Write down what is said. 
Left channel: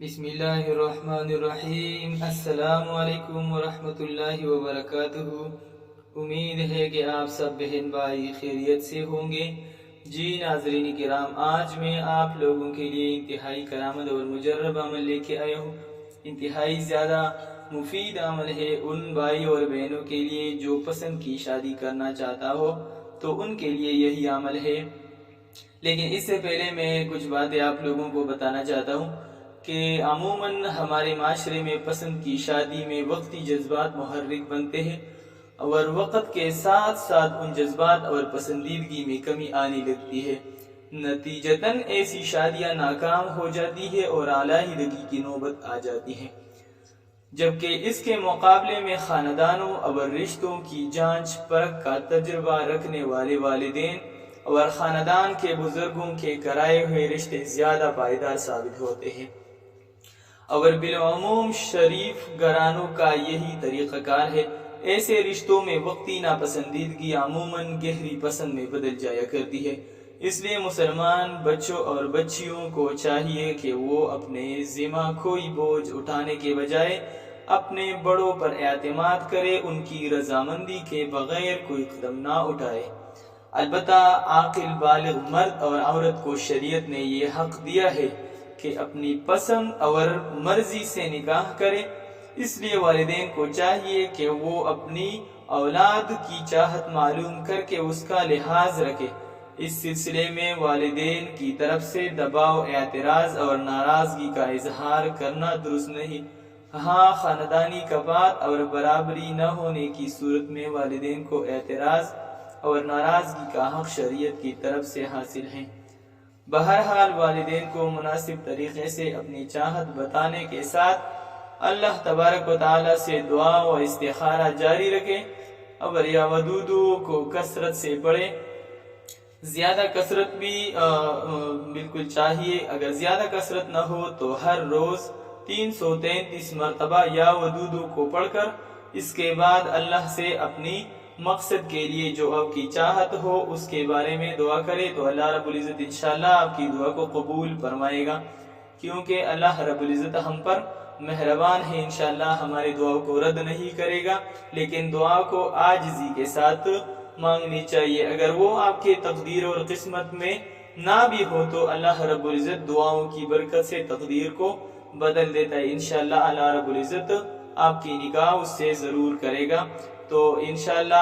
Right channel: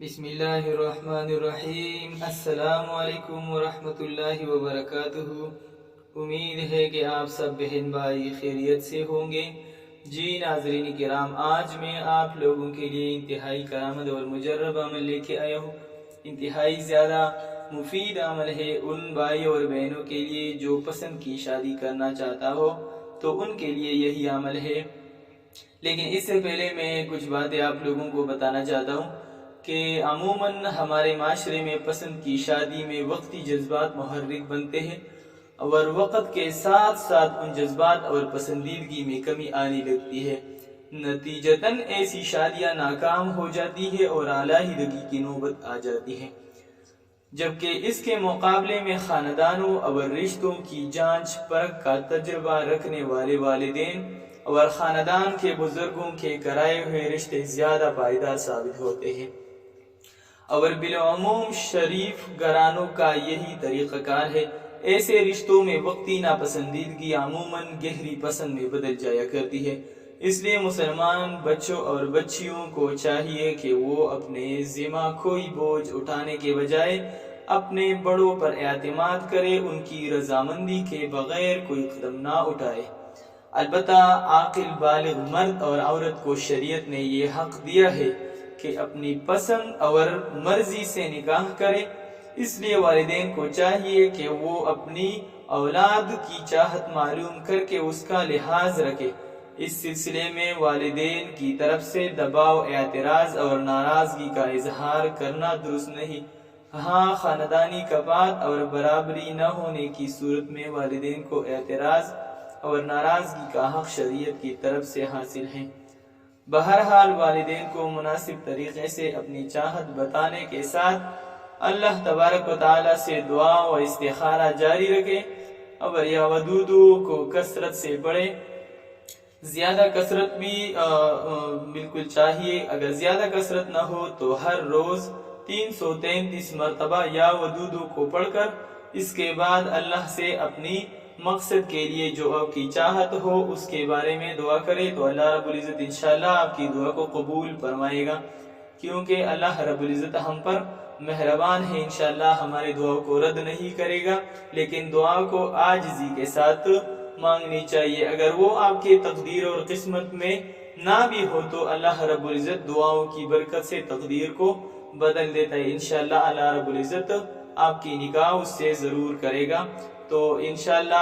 بسم اللہ الرحمن الرحیم۔ السلام علیکم ورحمۃ اللہ وبرکاتہ۔ امید ہے کہ آپ سب بہن بھائی خیریت سے ہوں گے۔ جی ناظرین کرام، آج میں آپ لوگوں کے لیے انتہائی کارآمد اور مجرب عمل لے کے آیا ہوں۔ انتہائی زیادہ مفید عمل ہے ان بھائی اور بہنوں کے لیے جو پسند کی شادی کرنا چاہتا ہو تو ان کے لیے یہی عمل ہے۔ لیکن اس سے پہلے میں کچھ باتیں آپ لوگوں کو بتانا چاہتا ہوں کہ عموماً ہمارے معاشرے میں پسند کی شادی میں وقتی جذبات محرک بنتے ہیں اور وقت کے ساتھ ساتھ ان جذبات اور پسندیدگی میں کمی آنے لگتی ہے۔ نتیجتاً ایسی شادیاں ناکام ہو جاتی ہے اور علیحدگی کی نوبت آ جاتی ہے، جبکہ اس کے مقابلے میں خاندانوں اور رشتوں کی جانچ پرکھ کا تجربہ رکھنے والے والدین اور خاندان کے بزرگوں کے کرائے ہوئے رشتے زیادہ پائیدار ثابت ہوتے ہیں، اور بالعموم شریف گھرانوں کا یہی طریقہ کار ہے۔ ایسے رشتوں میں وقتی ناپسندیدگی عموماً گہری پسند میں بدل جایا کرتی ہے۔ اس لیے مسلمان بچوں اور بچیوں کو چاہیے کہ وہ اپنے ذمہ کوئی بوجھ اٹھانے کے بجائے اپنے بڑوں پر اعتماد کرے، ان کی رضامندی کے بغیر کوئی قدم نہ اٹھائے۔ البتہ عاقل بالغ مرد اور عورت کو شریعت نے یہ حق دیا ہے کہ اپنی پسند اور مرضی سے نکاح کرے۔ اس لیے والدین کو چاہیے کہ وہ اپنی اولاد کی چاہت معلوم کر کے اس کا لحاظ رکھے۔ اس سلسلے میں والدین کی طرف سے دباؤ، اعتراض اور ناراضگی کا اظہار کرنا درست نہیں۔ ہاں، خاندانی کفاءت اور برابری نہ ہونے کی صورت میں والدین کو اعتراض اور ناراضگی کا حق شریعت کی طرف سے حاصل ہے۔ بہرحال والدین کو مناسب طریقے سے اپنی چاہت بتانے کے ساتھ اللہ تبارک و تعالی سے دعا و استخارہ جاری رکھے اور یا ودودو کو کثرت سے پڑھے۔ زیادہ کثرت بھی بالکل چاہیے۔ اگر زیادہ کثرت نہ ہو تو ہر روز 333 مرتبہ یا ودودو کو پڑھ کر اس کے بعد اللہ سے اپنی مقصد کے لیے جو آپ کی چاہت ہو اس کے بارے میں دعا کرے تو اللہ رب العزت انشاءاللہ آپ کی دعا کو قبول فرمائے گا، کیونکہ اللہ رب العزت ہم پر مہربان ہے، انشاءاللہ ہمارے دعاؤں کو رد نہیں کرے گا۔ لیکن دعا کو عاجزی کے ساتھ مانگنی چاہیے۔ اگر وہ آپ کے تقدیر اور قسمت میں نہ بھی ہو تو اللہ رب العزت دعاؤں کی برکت سے تقدیر کو بدل دیتا ہے۔ انشاءاللہ اللہ رب العزت آپ کی نکاح اس سے ضرور کرے گا۔ تو انشاءاللہ